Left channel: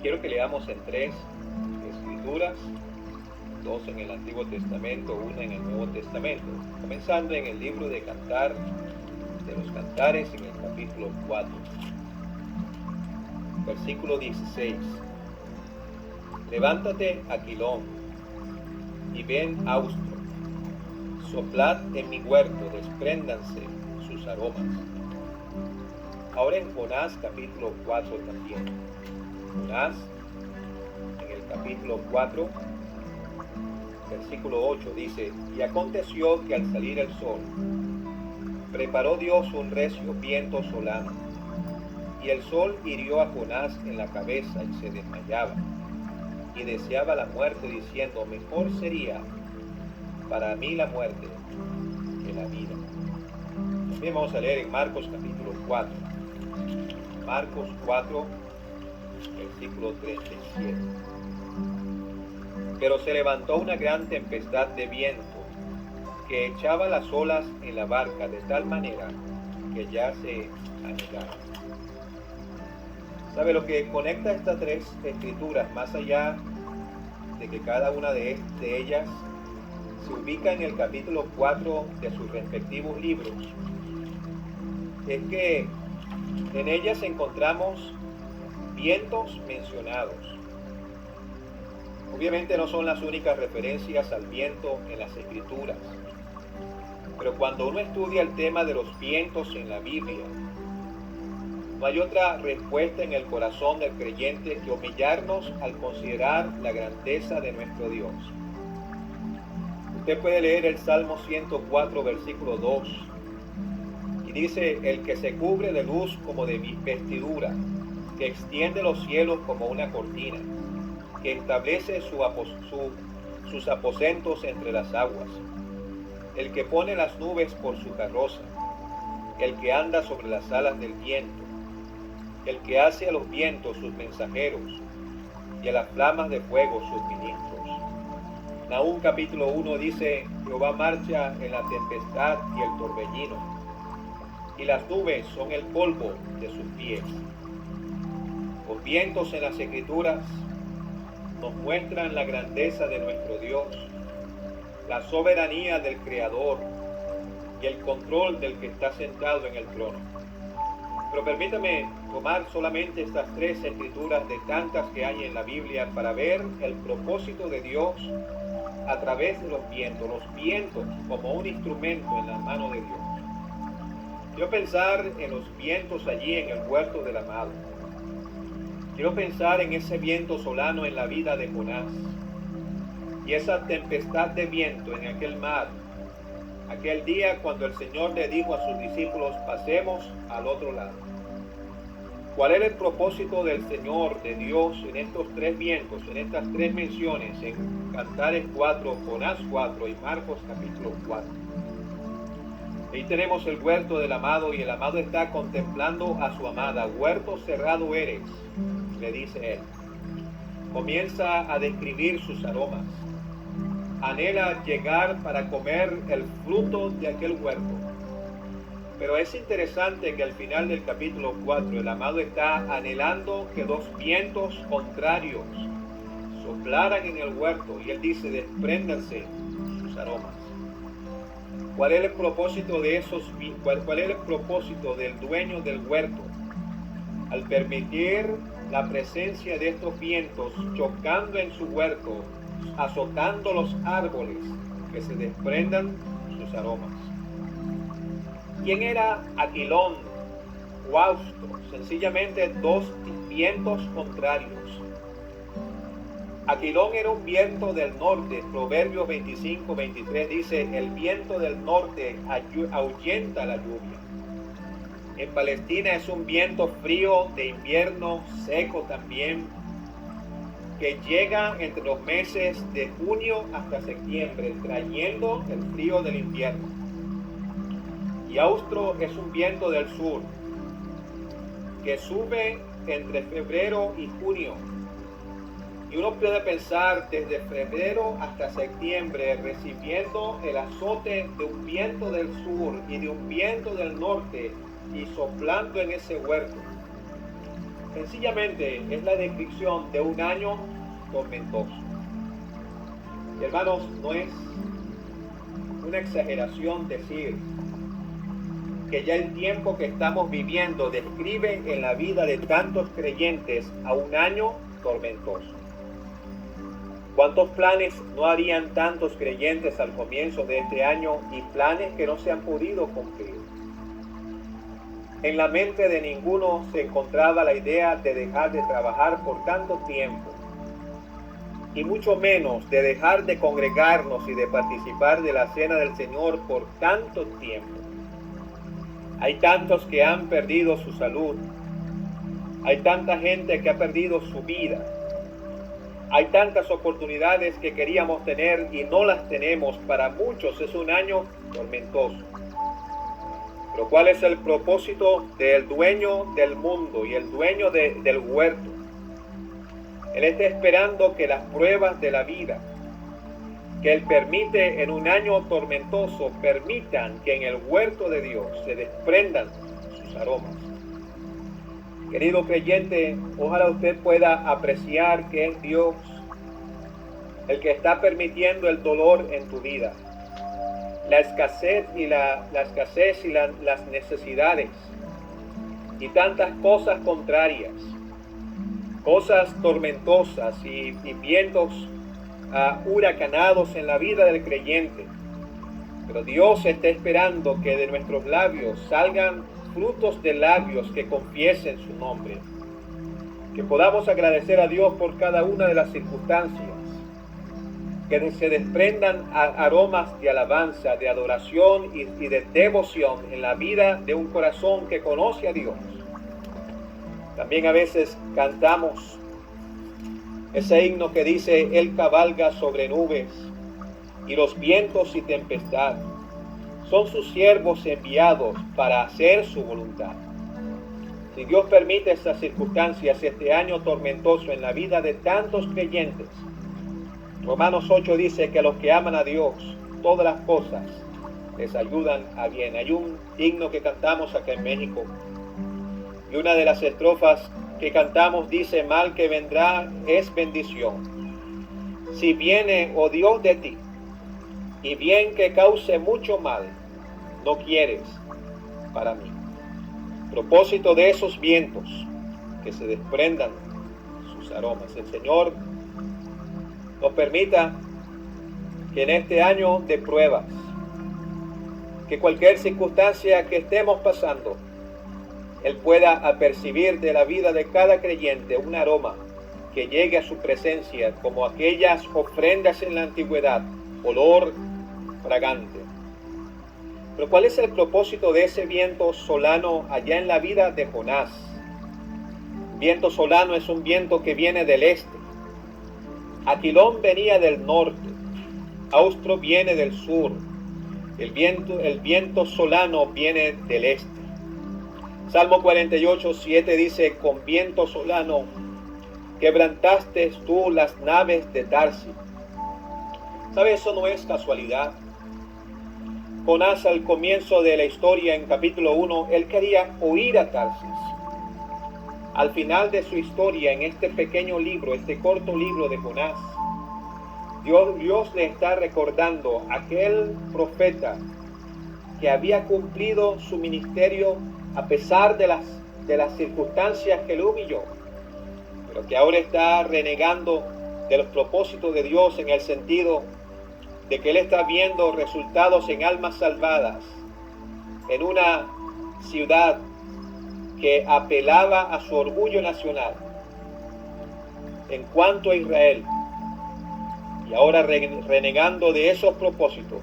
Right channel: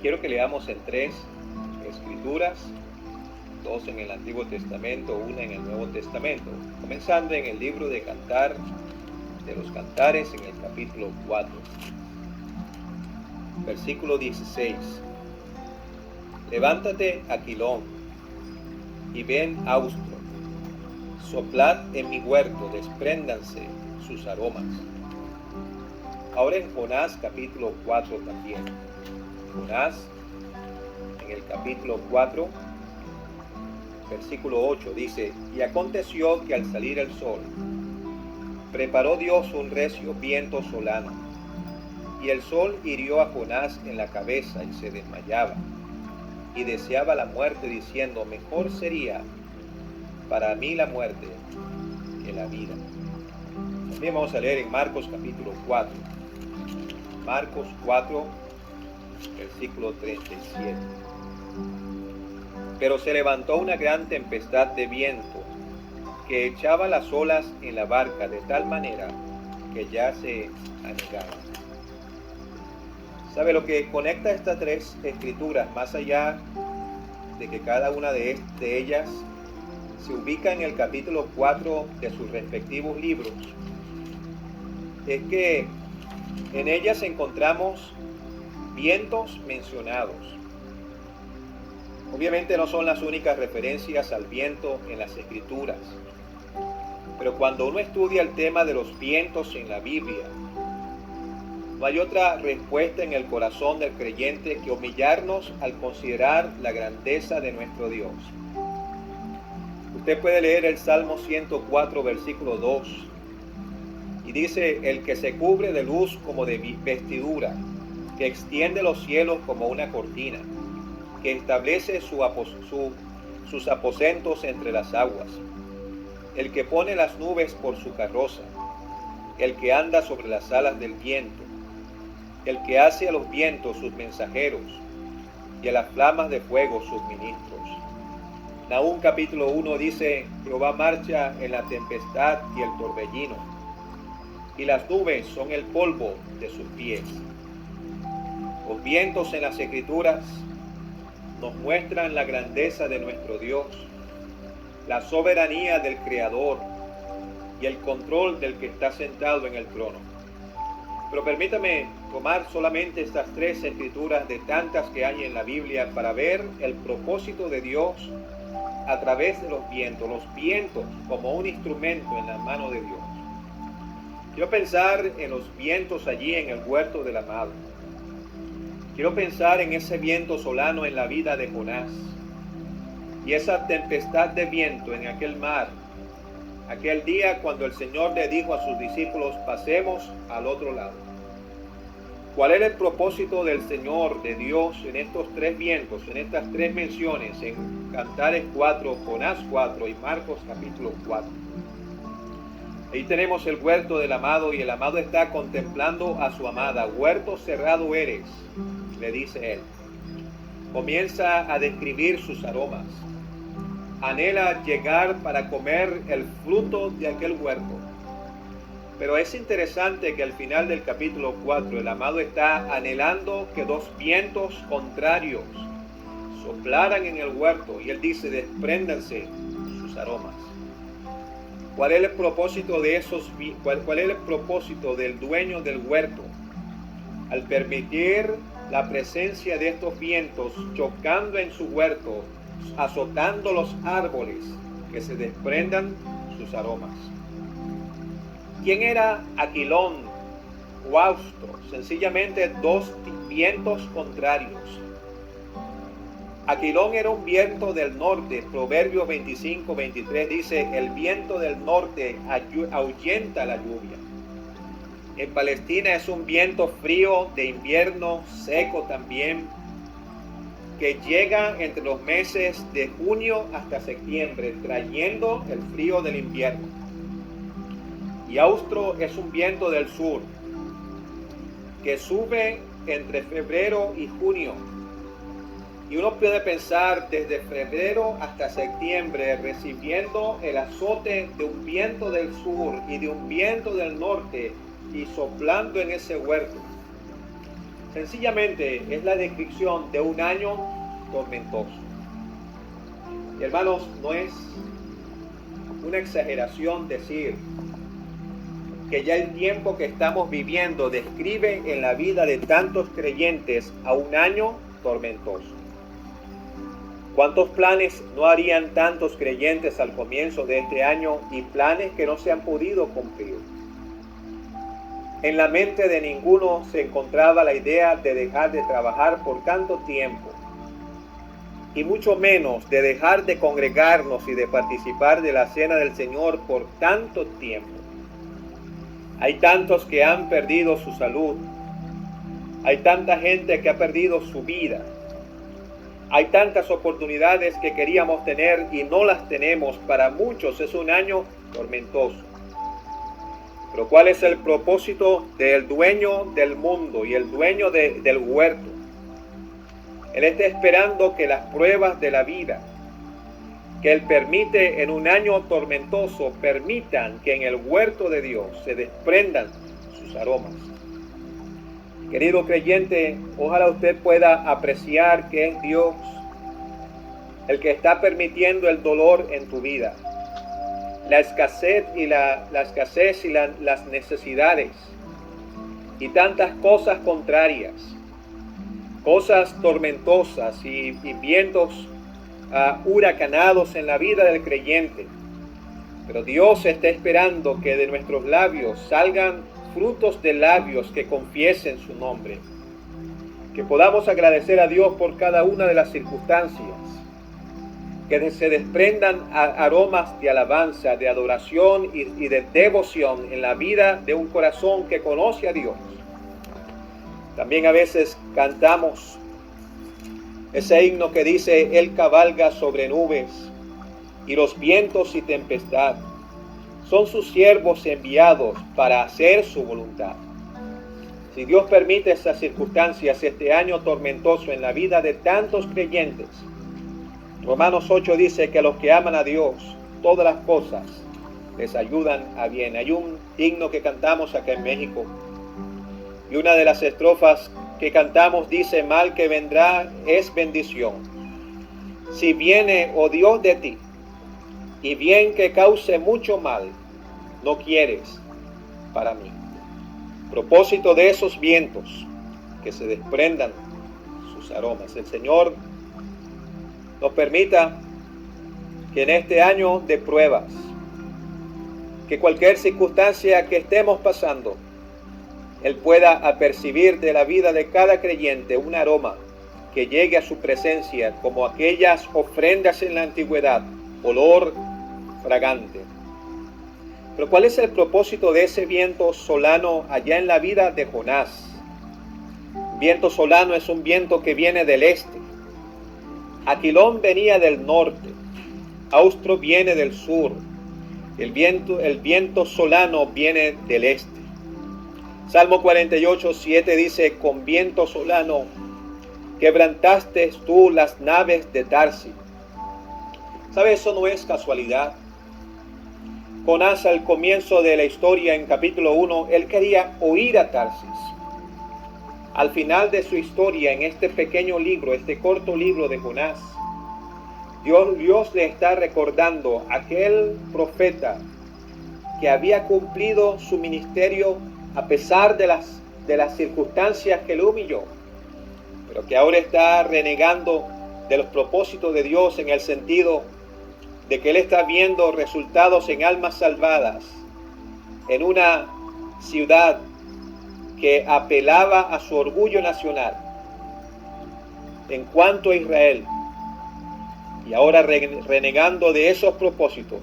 Quiero que leamos en tres escrituras, dos en el Antiguo Testamento, una en el Nuevo Testamento, comenzando en el libro de los Cantares, en el capítulo 4, versículo 16. Levántate, Aquilón, y ven, Austro, soplad en mi huerto, despréndanse sus aromas. Ahora en Jonás capítulo 4 también. Jonás, en el capítulo 4, versículo 8, dice: y aconteció que al salir el sol, preparó Dios un recio viento solano, y el sol hirió a Jonás en la cabeza y se desmayaba, y deseaba la muerte, diciendo: mejor sería para mí la muerte que la vida. También vamos a leer en Marcos capítulo 4. Marcos 4, versículo 37. Pero se levantó una gran tempestad de viento que echaba las olas en la barca de tal manera que ya se anegaba. ¿Sabe lo que conecta estas tres escrituras, más allá de que cada una de ellas se ubica en el capítulo 4 de sus respectivos libros? Es que en ellas encontramos vientos mencionados. Obviamente no son las únicas referencias al viento en las escrituras, pero cuando uno estudia el tema de los vientos en la Biblia, no hay otra respuesta en el corazón del creyente que humillarnos al considerar la grandeza de nuestro Dios. Usted puede leer el Salmo 104, versículo 2, y dice: el que se cubre de luz como de vestidura, que extiende los cielos como una cortina, que establece sus aposentos entre las aguas, el que pone las nubes por su carroza, el que anda sobre las alas del viento, el que hace a los vientos sus mensajeros y a las flamas de fuego sus ministros. Nahum capítulo 1 dice: Jehová marcha en la tempestad y el torbellino, y las nubes son el polvo de sus pies. Los vientos en las escrituras nos muestran la grandeza de nuestro Dios, la soberanía del Creador y el control del que está sentado en el trono. Pero permítame tomar solamente estas tres escrituras de tantas que hay en la Biblia para ver el propósito de Dios a través de los vientos como un instrumento en la mano de Dios. Quiero pensar en los vientos allí en el huerto del amado. Quiero pensar en ese viento solano en la vida de Jonás y esa tempestad de viento en aquel mar, aquel día cuando el Señor le dijo a sus discípulos: pasemos al otro lado. ¿Cuál era el propósito del Señor, de Dios, en estos tres vientos, en estas tres menciones, en Cantares 4, Jonás 4 y Marcos capítulo 4? Ahí tenemos el huerto del amado y el amado está contemplando a su amada. Huerto cerrado eres, le dice él. Comienza a describir sus aromas. Anhela llegar para comer el fruto de aquel huerto. Pero es interesante que al final del capítulo 4 el amado está anhelando que dos vientos contrarios soplaran en el huerto y él dice: despréndanse sus aromas. ¿Cuál es el propósito de cuál es el propósito del dueño del huerto al permitir la presencia de estos vientos chocando en su huerto, azotando los árboles, que se desprendan sus aromas? ¿Quién era Aquilón o Austro? Sencillamente dos vientos contrarios. Aquilón era un viento del norte. Proverbios 25, 23 dice: el viento del norte ahuyenta la lluvia. En Palestina es un viento frío de invierno, seco también, que llega entre los meses de junio hasta septiembre, trayendo el frío del invierno. Y Austro es un viento del sur, que sube entre febrero y junio. Y uno puede pensar desde febrero hasta septiembre recibiendo el azote de un viento del sur y de un viento del norte y soplando en ese huerto. Sencillamente es la descripción de un año tormentoso. Y hermanos, no es una exageración decir que ya el tiempo que estamos viviendo describe en la vida de tantos creyentes a un año tormentoso. ¿Cuántos planes no harían tantos creyentes al comienzo de este año y planes que no se han podido cumplir? En la mente de ninguno se encontraba la idea de dejar de trabajar por tanto tiempo, y mucho menos de dejar de congregarnos y de participar de la cena del Señor por tanto tiempo. Hay tantos que han perdido su salud, hay tanta gente que ha perdido su vida, hay tantas oportunidades que queríamos tener y no las tenemos. Para muchos es un año tormentoso. Pero ¿cuál es el propósito del dueño del mundo y el dueño del huerto? Él está esperando que las pruebas de la vida que Él permite en un año tormentoso permitan que en el huerto de Dios se desprendan sus aromas. Querido creyente, ojalá usted pueda apreciar que es Dios el que está permitiendo el dolor en tu vida, la escasez y las necesidades y tantas cosas contrarias, cosas tormentosas y vientos huracanados en la vida del creyente. Pero Dios está esperando que de nuestros labios salgan frutos de labios que confiesen su nombre, que podamos agradecer a Dios por cada una de las circunstancias, que se desprendan aromas de alabanza, de adoración y de devoción en la vida de un corazón que conoce a Dios. También a veces cantamos ese himno que dice: Él cabalga sobre nubes y los vientos y tempestad son sus siervos enviados para hacer su voluntad. Si Dios permite estas circunstancias, este año tormentoso en la vida de tantos creyentes, Romanos 8 dice que a los que aman a Dios, todas las cosas les ayudan a bien. Hay un himno que cantamos acá en México, y una de las estrofas que cantamos dice: mal que vendrá es bendición, si viene, oh Dios, de ti, y bien que cause mucho mal, no quieres para mí. Propósito de esos vientos, que se desprendan sus aromas. El Señor nos permita que en este año de pruebas, que cualquier circunstancia que estemos pasando, Él pueda apercibir de la vida de cada creyente un aroma que llegue a su presencia como aquellas ofrendas en la antigüedad, olor fragante. Pero ¿cuál es el propósito de ese viento solano allá en la vida de Jonás? Viento solano es un viento que viene del este. Aquilón venía del norte, Austro viene del sur, el viento solano viene del este. Salmo 48, 7 dice: con viento solano quebrantaste tú las naves de Tarsis. ¿Sabe? Eso no es casualidad. Jonás, al comienzo de la historia, en capítulo 1, él quería huir a Tarsis. Al final de su historia, en este pequeño libro, este corto libro de Jonás, Dios le está recordando a aquel profeta que había cumplido su ministerio a pesar de las circunstancias que lo humilló, pero que ahora está renegando de los propósitos de Dios, en el sentido de que él está viendo resultados en almas salvadas en una ciudad que apelaba a su orgullo nacional en cuanto a Israel, y ahora renegando de esos propósitos.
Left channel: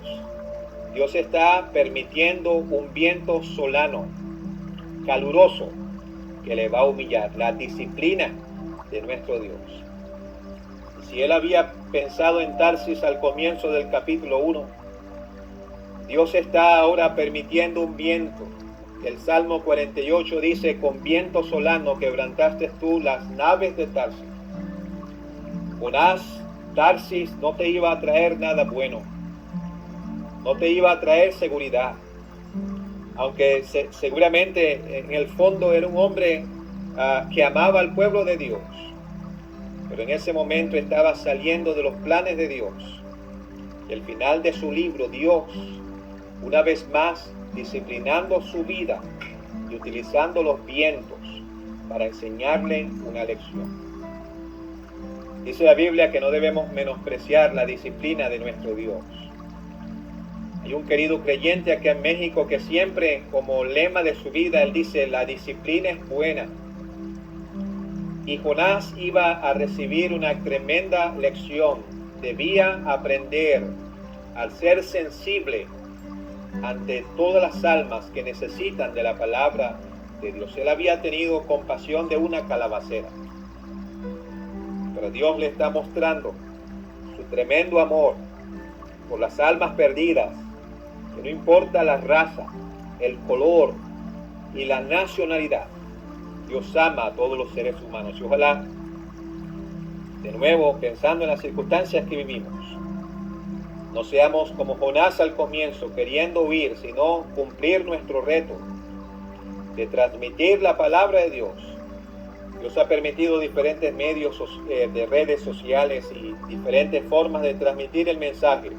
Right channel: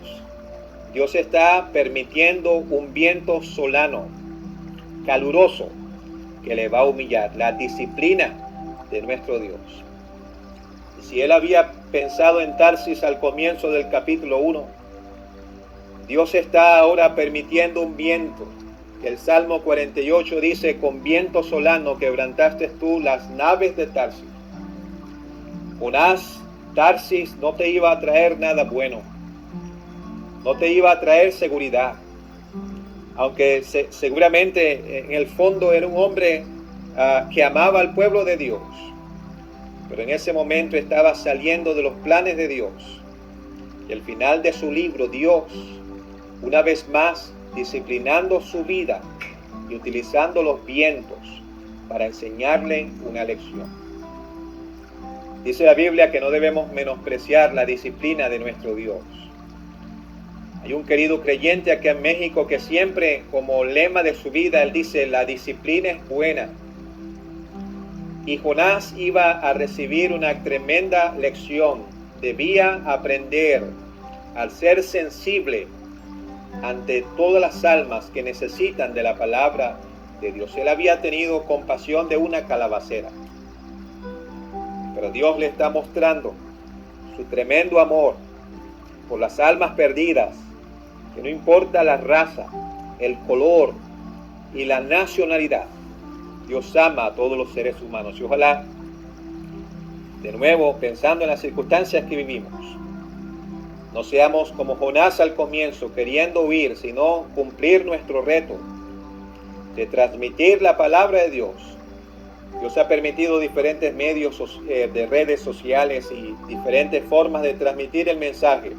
Dios está permitiendo un viento solano, caluroso, que le va a humillar, la disciplina de nuestro Dios. Si él había pensado en Tarsis al comienzo del capítulo 1, Dios está ahora permitiendo un viento. El Salmo 48 dice: con viento solano quebrantaste tú las naves de Tarsis. Jonás, Tarsis no te iba a traer nada bueno, no te iba a traer seguridad, aunque seguramente en el fondo era un hombre que amaba al pueblo de Dios, pero en ese momento estaba saliendo de los planes de Dios. Y al final de su libro, Dios, una vez más, disciplinando su vida y utilizando los vientos para enseñarle una lección. Dice la Biblia que no debemos menospreciar la disciplina de nuestro Dios. Hay un querido creyente aquí en México que siempre, como lema de su vida, él dice: la disciplina es buena. Y Jonás iba a recibir una tremenda lección. Debía aprender al ser sensible ante todas las almas que necesitan de la palabra de Dios. Él había tenido compasión de una calabacera, pero Dios le está mostrando su tremendo amor por las almas perdidas, que no importa la raza, el color y la nacionalidad, Dios ama a todos los seres humanos. Y ojalá, de nuevo, pensando en las circunstancias que vivimos, no seamos como Jonás al comienzo, queriendo huir, sino cumplir nuestro reto de transmitir la palabra de Dios. Dios ha permitido diferentes medios de redes sociales y diferentes formas de transmitir el mensaje.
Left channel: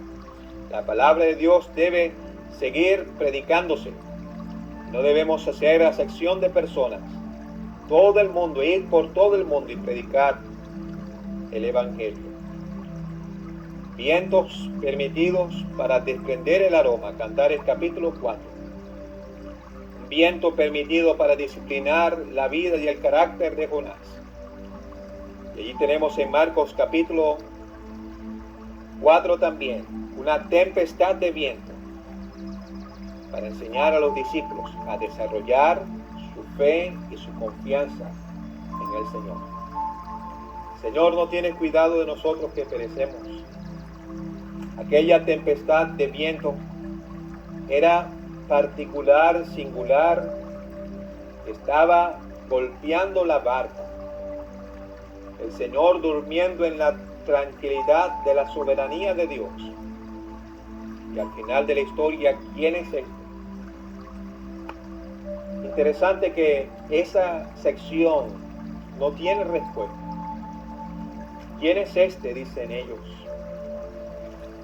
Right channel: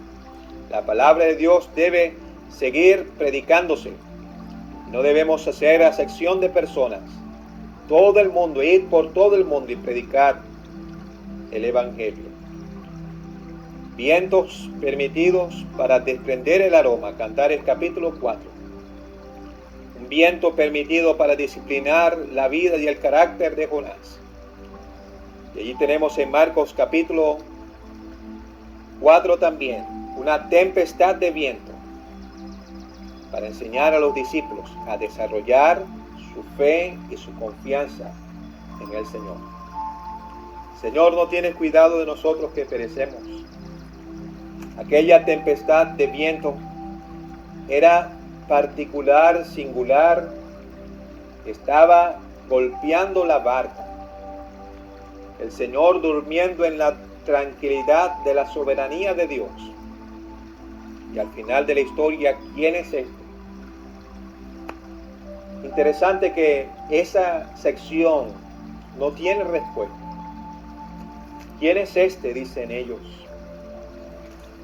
La palabra de Dios debe seguir predicándose. No debemos hacer acepción de personas. Todo el mundo, ir por todo el mundo y predicar el Evangelio. Vientos permitidos para desprender el aroma. Cantares capítulo 4. Un viento permitido para disciplinar la vida y el carácter de Jonás. Y allí tenemos en Marcos capítulo 4 también una tempestad de viento para enseñar a los discípulos a desarrollar su fe y su confianza en el Señor. Señor, no tienes cuidado de nosotros que perecemos. Aquella tempestad de viento era particular, singular, estaba golpeando la barca. El Señor durmiendo en la tranquilidad de la soberanía de Dios. Y al final de la historia, ¿quién es este? Interesante que esa sección no tiene respuesta. ¿Quién es este?, dicen ellos.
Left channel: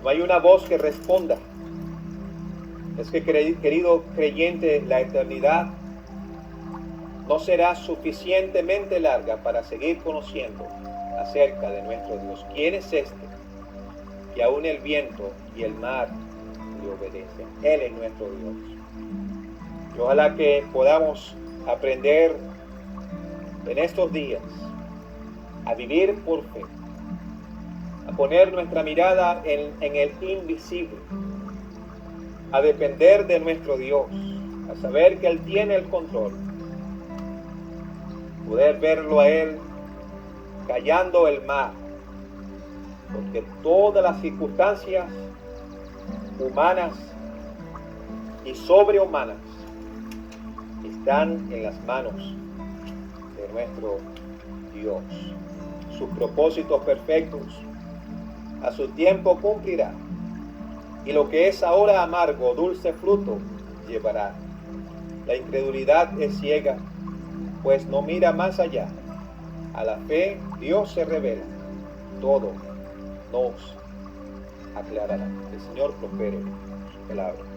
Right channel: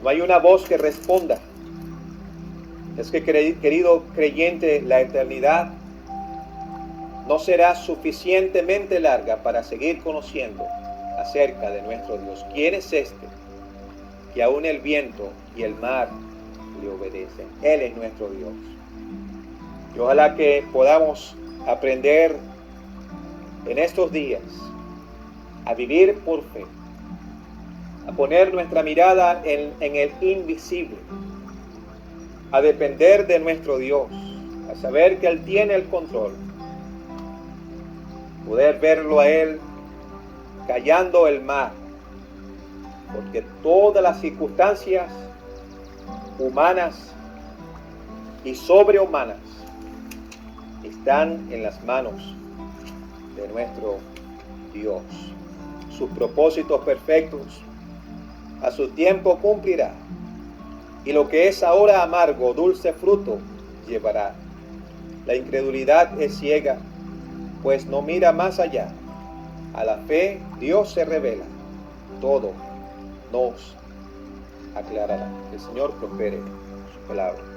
No hay una voz que responda. Es que, querido creyente, la eternidad no será suficientemente larga para seguir conociendo acerca de nuestro Dios. ¿Quién es este? Que aún el viento y el mar le obedecen. Él es nuestro Dios. Y ojalá que podamos aprender en estos días a vivir por fe, a poner nuestra mirada en el invisible, a depender de nuestro Dios, a saber que Él tiene el control, poder verlo a Él callando el mar, porque todas las circunstancias humanas y sobrehumanas están en las manos de nuestro Dios. Sus propósitos perfectos a su tiempo cumplirá, y lo que es ahora amargo, dulce fruto llevará. La incredulidad es ciega, pues no mira más allá. A la fe Dios se revela, todo nos aclarará. El Señor prospere su palabra.